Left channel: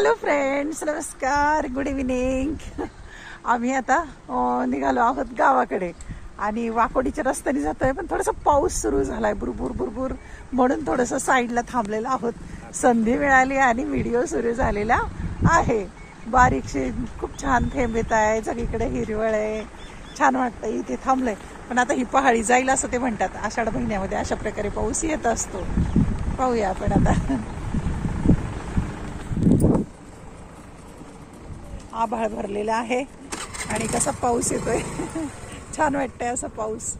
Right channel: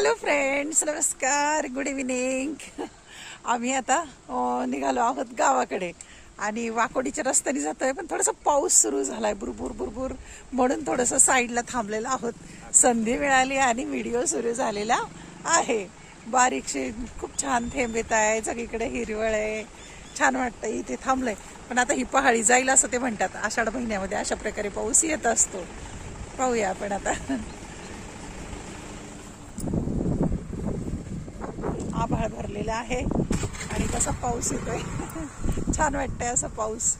Hello friends, नमस्कार, good evening. आम्ही आता निघालो आहोत गावाकडे आणि वाकोडीच्या रस्त्याने जातोय, पण थोडासा पाऊस सुरू झालाय, बुरबुर बुरबुर, म्हणून थोडंसं साईडला थांबलेलं आहोत. संधी मिळाली आणि व्हिडिओ सुरू झालेला आहे. बारीकशी खूप छान थेंब येत आहे, सगळीकडे हिरवळ आहे, छान वाटतं. इथे थांबलंय, पण आता ही पहाडी जाईल असं ते म्हणतात. आषाढ महिन्यामध्ये अशा प्रकारे पाऊस येत असतो. पाहूया आपण आता. आभाळ भरलेला आहे आणि कसा पाऊस येतोय. छान वाटतंय असा पाऊस.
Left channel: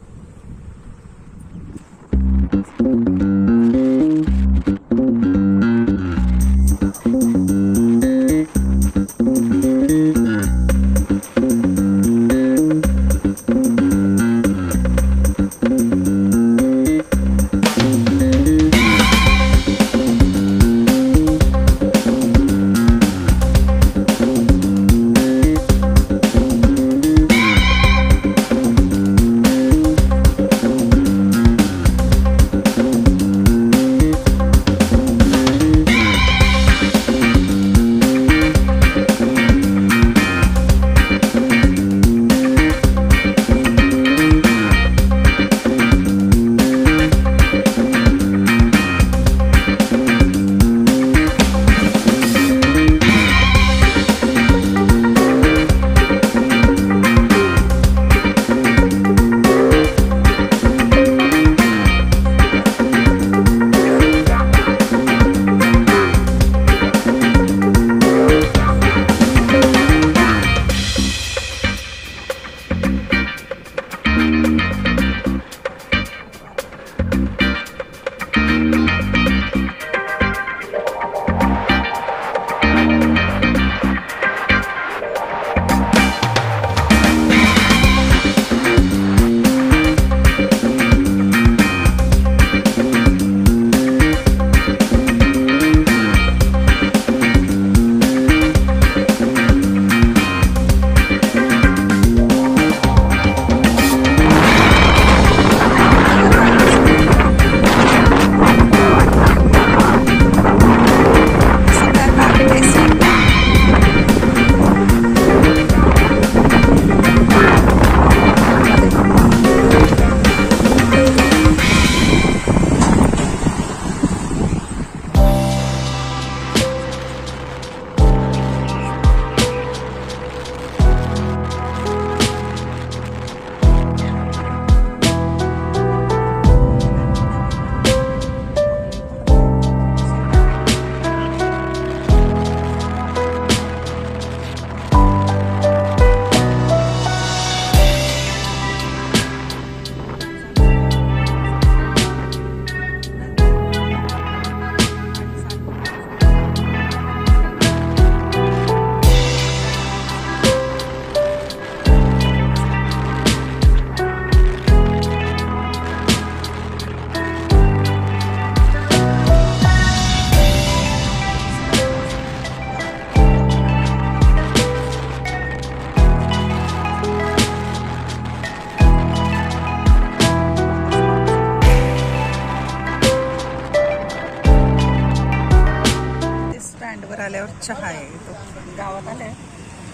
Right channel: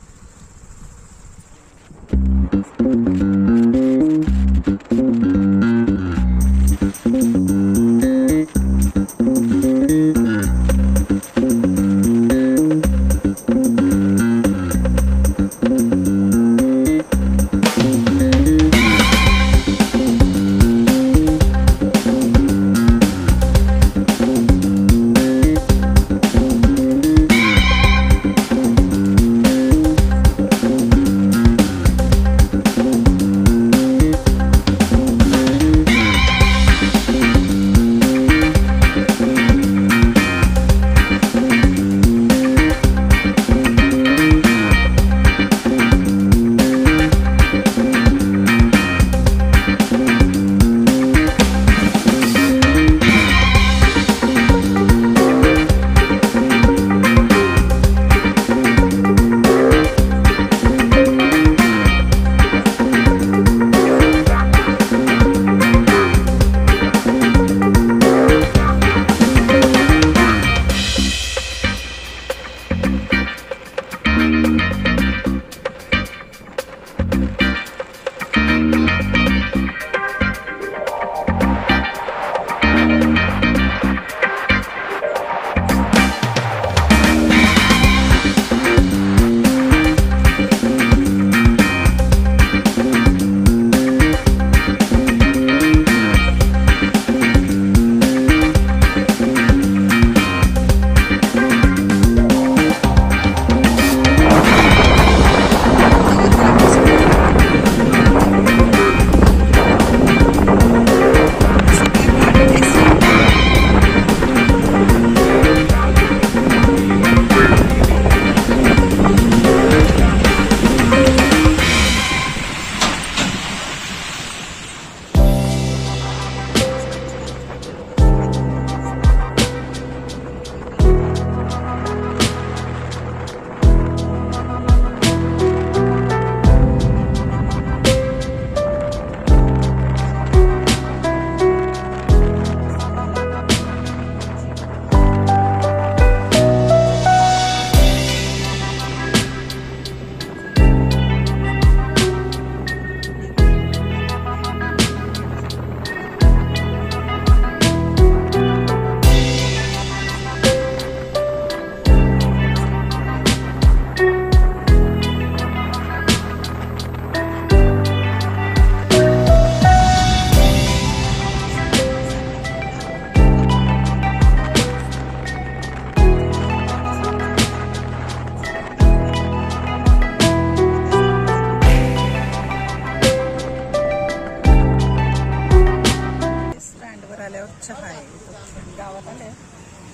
आल्यावर चहा आहे. तो गावात आलाय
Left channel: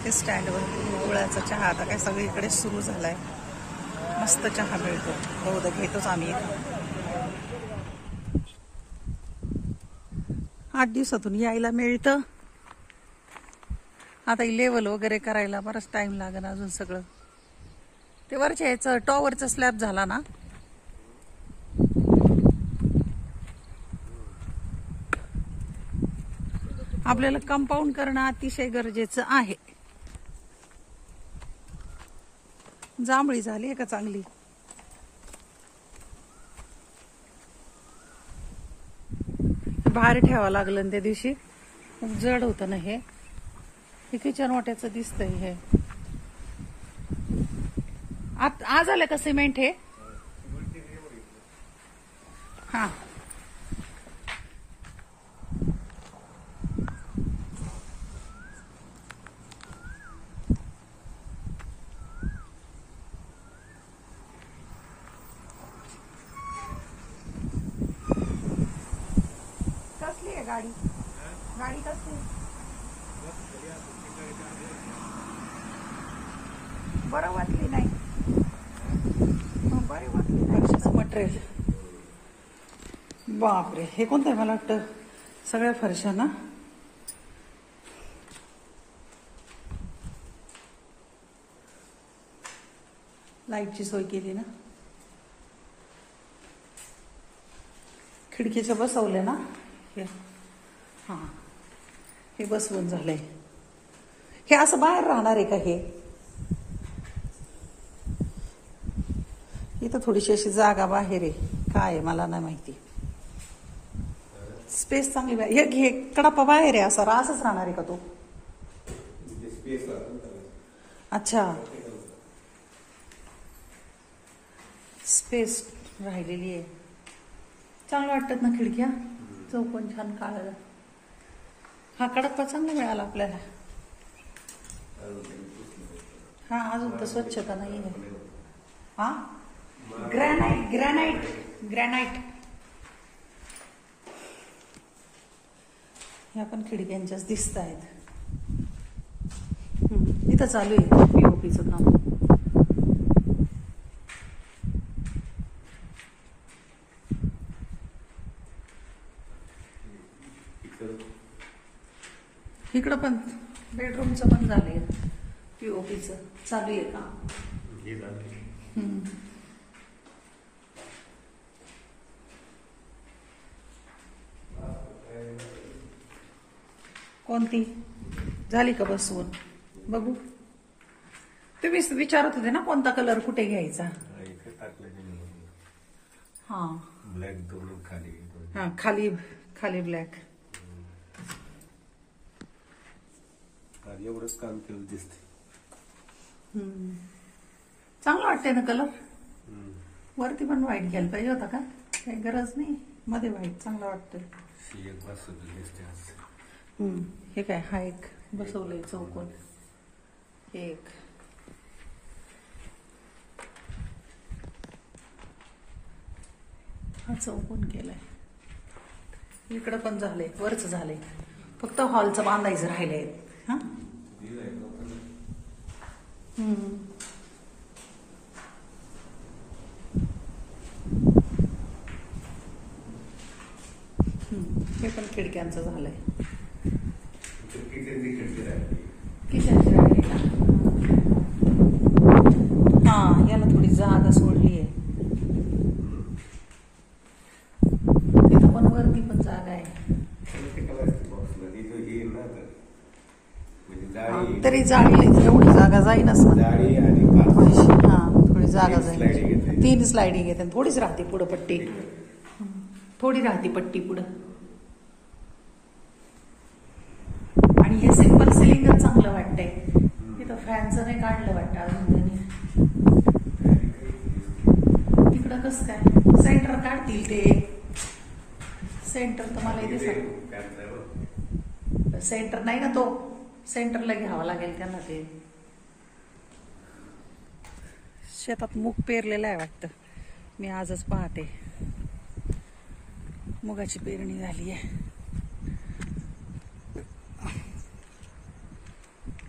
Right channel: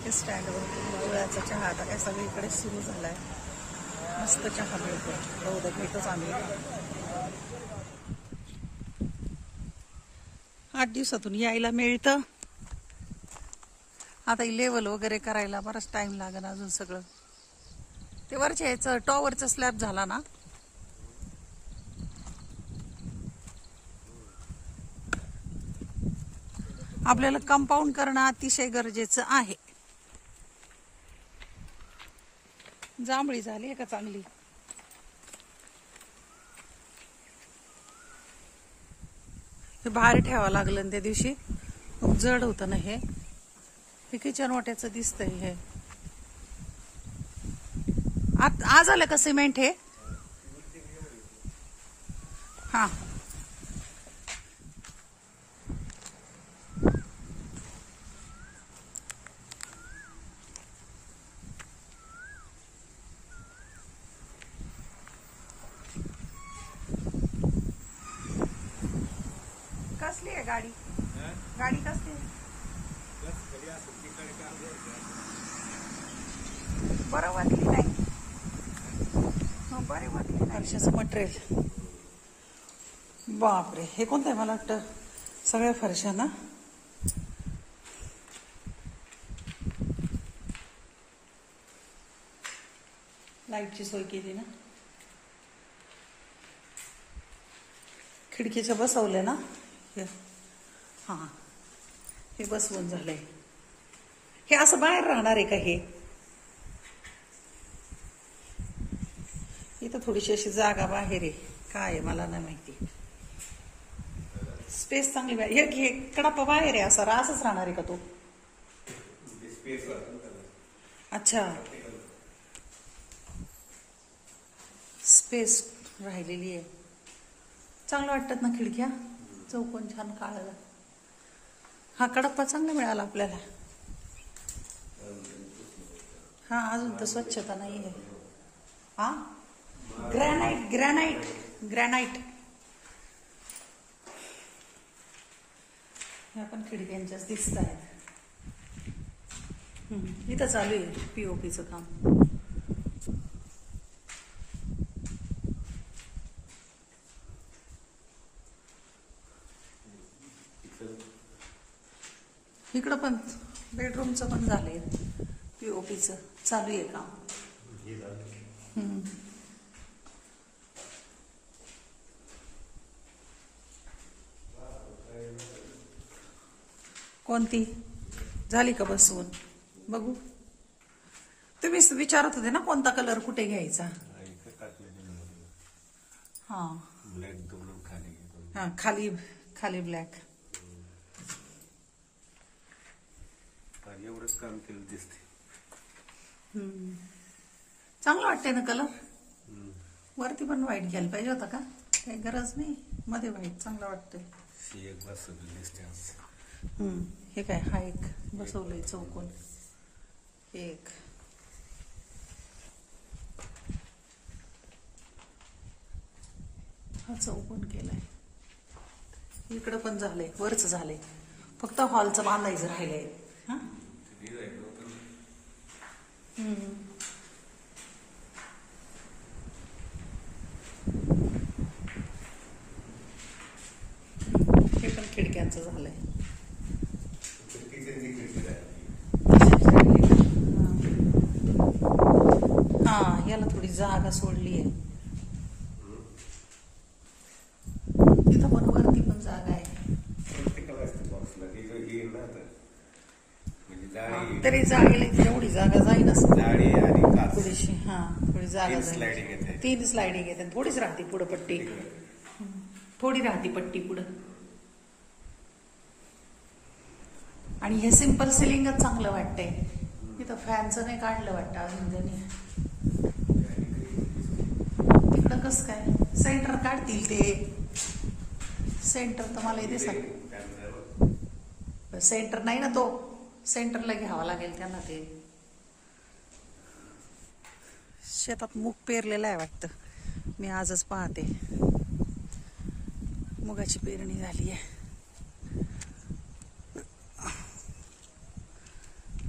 ते स्टँडवर गुळाचा चहा आता काय सगळीकडे सुरू झालाय. मस्त चहा मिळतो, बहुधा घेतोच आम्ही. 8 दिवसातून यायला मिळतं. आता लेवल वगैरे करायला बराच टाइम लागेल अजून. सगळं ते वरच्या याचं टॉवरचा स्लॅब झाला ना, आपल्याला कंपाऊंड करणं अतिशय गरजेचं आहे. जांभळी झाली का चांगली. बाहेर ठेवावं लागलं त्या दिवशी, खूप जड होतं ना हे. किचन वाट्याचं दिसतंय हे. आज आलं का सिमेंट हे. हा, कसली आहे गाडी? गाडी कसली? बरं वाटली नाही. बरे वाटली फरशाचं मटेरियल. बापरे, हे कोणतं आहे? मला वाटतं सगळ्या फरशा ना. लाईटची सोय केली ना. खिडकीच्या बसवलं ना हे. हां, हे बसवून झालंय. हे असं बाहेर राहणार आहे का? हे इथं थोडीशी अशी जागा बाहेर आहे. काय आहे मला नाही माहिती. स्पेस चांगली बाहेर. हे कडापा बाहेर आहे, असा रासच राहणार आहे का तो? अच्छा, स्पेस राहिलेली आहे. चांगलं वाटतात ना खिडक्या, चौकोन छान काळा. हा कडप्पा चांगला मिळाला आपल्याला. हा, अजून तर स्वच्छता नाही आहे. हा, ग्रॅनाइट ग्रॅनाइट ग्रॅनाइट. ह्या पण खिडक्यांच्याच दिसत आहेत. इथं चालू आहे पीओपीचं काम. इकडं पण बेडरूमचं पण झालंय, पीओपीचं चालू आहे काम. कोणती झाली का बसवून? बघू. तुम्ही विचारत होते ना कोणता कलर कुठे घ्यायचा. हा, हा, खाली खाली ब्लॅक. एवढंच काम केलं दिसते. चांगलं वाटतंय ना कलर. वरती पण व्हाईट घ्यायला पाहिजे होता का? काही गरज नाही, मध्ये व्हाईट चांगला वाटतोय. हे काय, हा एक बसवलंय चौकोन. एक हा चौकोन केलाय. इकडं पण झालंय, वरच झालंय. फक्त हॉलचं बांधायचं राहिलंय. हा, हे पण खिडक्यांचं झालंय. हा, याला थोडी जागा सोडली आहे. तिथं पण वरती पण जागा आहे. तरी जाळी एवढी जागा जाईलच. हा, थोडी जागा जाईल. 3 स्लायडिंग येते. थोडीच राहते पुढं पट्टी. थोडी राहते पट्टी पुढं. आणि हे सिंपल सिलिंगच चांगलं वाटतंय. इथं फॅनचं नाही काढलं वाटतं अजून त्याने. इकडं कसं काय सेंटर काढतील ते. सेंटर तर मला दिसत. सेंटर नाही ना तो. सेंटरला घ्यावा लागेल त्यांना. ते शेतात मूग पेरलेलं आहे वाटतं. मी आजच पाहते. मुगाची पेरणी झाली आहे.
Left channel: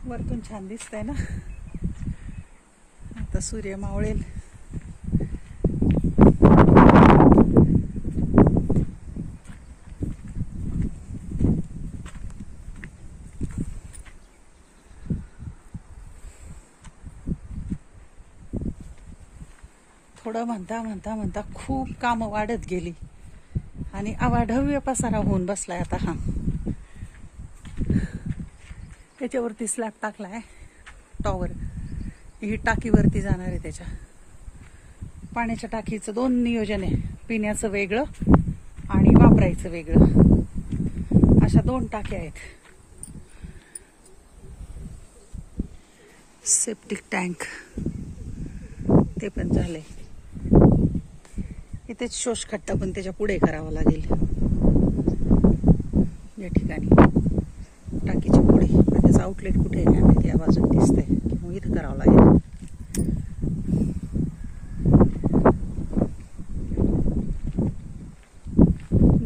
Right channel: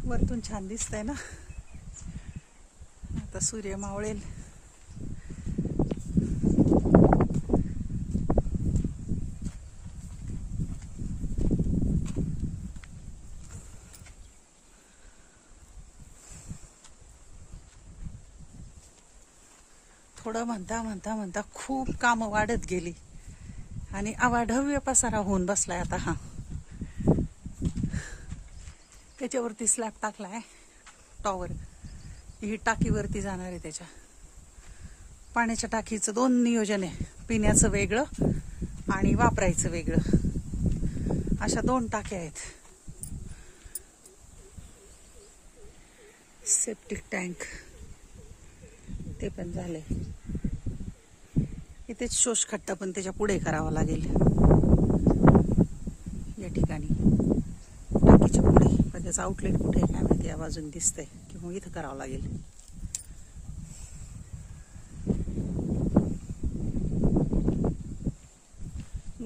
वरतून छान दिसतंय ना. आता सूर्य मावळेल. थोडं म्हणता म्हणता म्हणता खूप कामं वाढत गेली आणि अवाढव्य पसारा होऊन बसलाय आता. हा, त्याच्यावरती स्लॅब टाकलाय. टॉवर ही टाकीवरती जाणार आहे. त्याच्या पाण्याच्या टाकीचं 2 नियोजन आहे. पिण्याचं वेगळं आणि वापरायचं वेगळं. अशा 2 टाक्या आहेत. सेप्टिक टँक ते पण झालंय. इथेच शोषखड्डा पण त्याच्या पुढे करावा लागेल. या ठिकाणी टाकीच्या पुढे. त्याचं आउटलेट कुठे आहे आणि त्या बाजून दिसतंय की मग इथं करावं लागेल.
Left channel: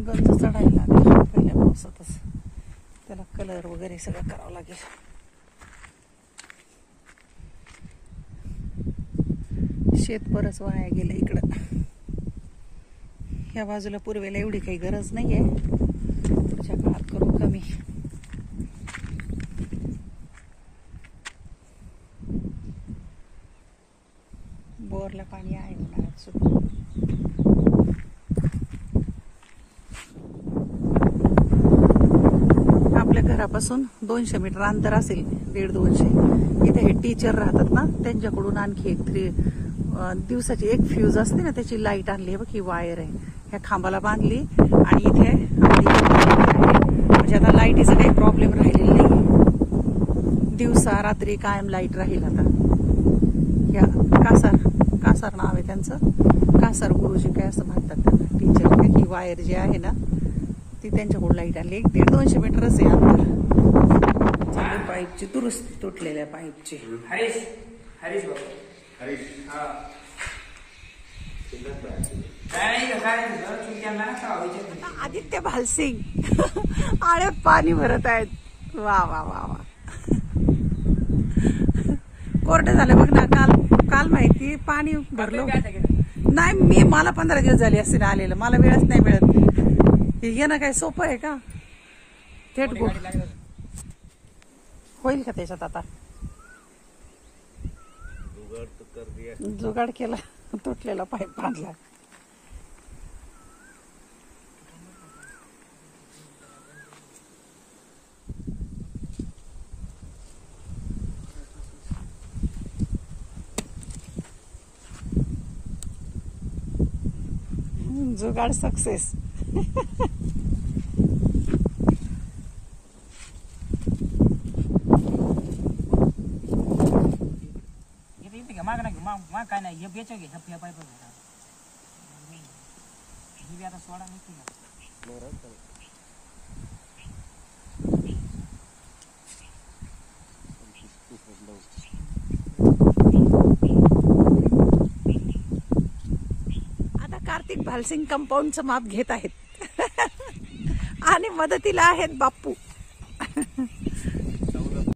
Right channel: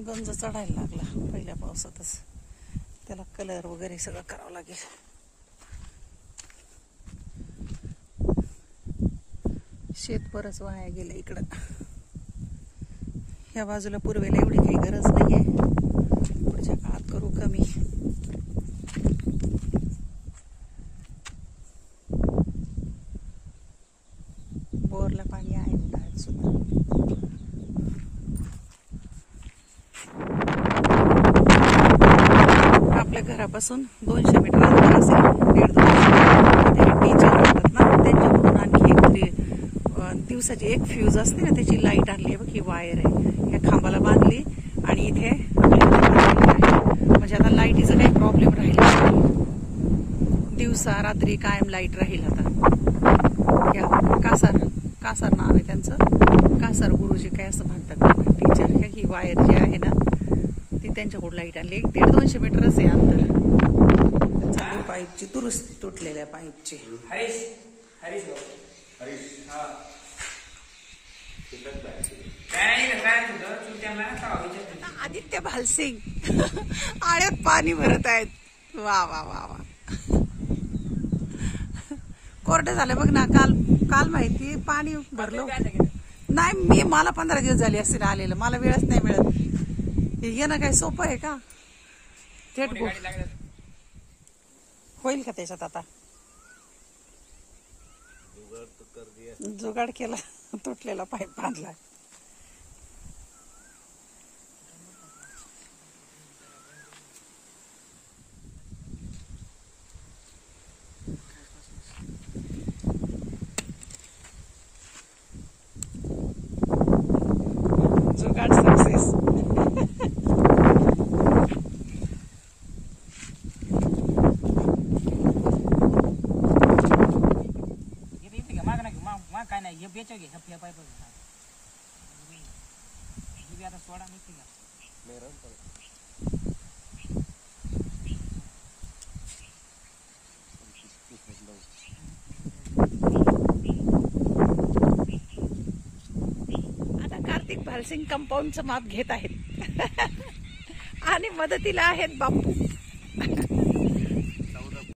गंज चढायला लागेल पहिल्या पावसातच. त्याला कलर वगैरे सगळं करावं लागेल. शेत बरंच वाया गेलं इकडं. या बाजूला पूर्वेला एवढी काही गरज नाहीये, पुढच्या काळात करू कमी. बोरला पाणी आहे काळात सुद्धा. आपल्या घरापासून 200 मीटर अंतर असेल, 150-200. इथे टीचर राहतात ना, त्यांच्याकडून आणखी एक दिवसाची एक फ्यूज असते ना, त्याची लाईट आणली. बघ ही वायर आहे, ह्या खांबाला बांधली आणि इथे म्हणजे आता लाईटीचा काही प्रॉब्लेम राहिला नाही. दिवसा रात्री कायम लाईट राहील. आता या कासार नाव आहे त्यांचं, कासार गुरुजी काय असं म्हणतात टीचर. ही वायर जी आहे ना ती त्यांच्याकडून लाईट आणली. 150-200 मीटरच आहे अंतर. चालू पाईपची दुरुस्ती, तुटलेल्या पाईपची. आदित्य भालसिंग आळ्यात पाणी भरत आहेत. वा वा वा वा. कोरडे झाले बघ ना. काल माहिती पाणी भरलो नाही. मला 15 दिवस झाले असतील आलेलं, मला वेळच नाही मिळत. येणं काय सोपं आहे का? थेट होईल का त्याच्यात? आता जुगाड केला, तुटलेला पाईप बांधला. जुगाड सक्सेस. काय नाही, हे बेचो घे, हे पाईप आता सोडा निघते का? आता कार्तिक भालसिंग कंपाऊंडचं माप घेत आहेत आणि मदतीला आहेत बाप्पू.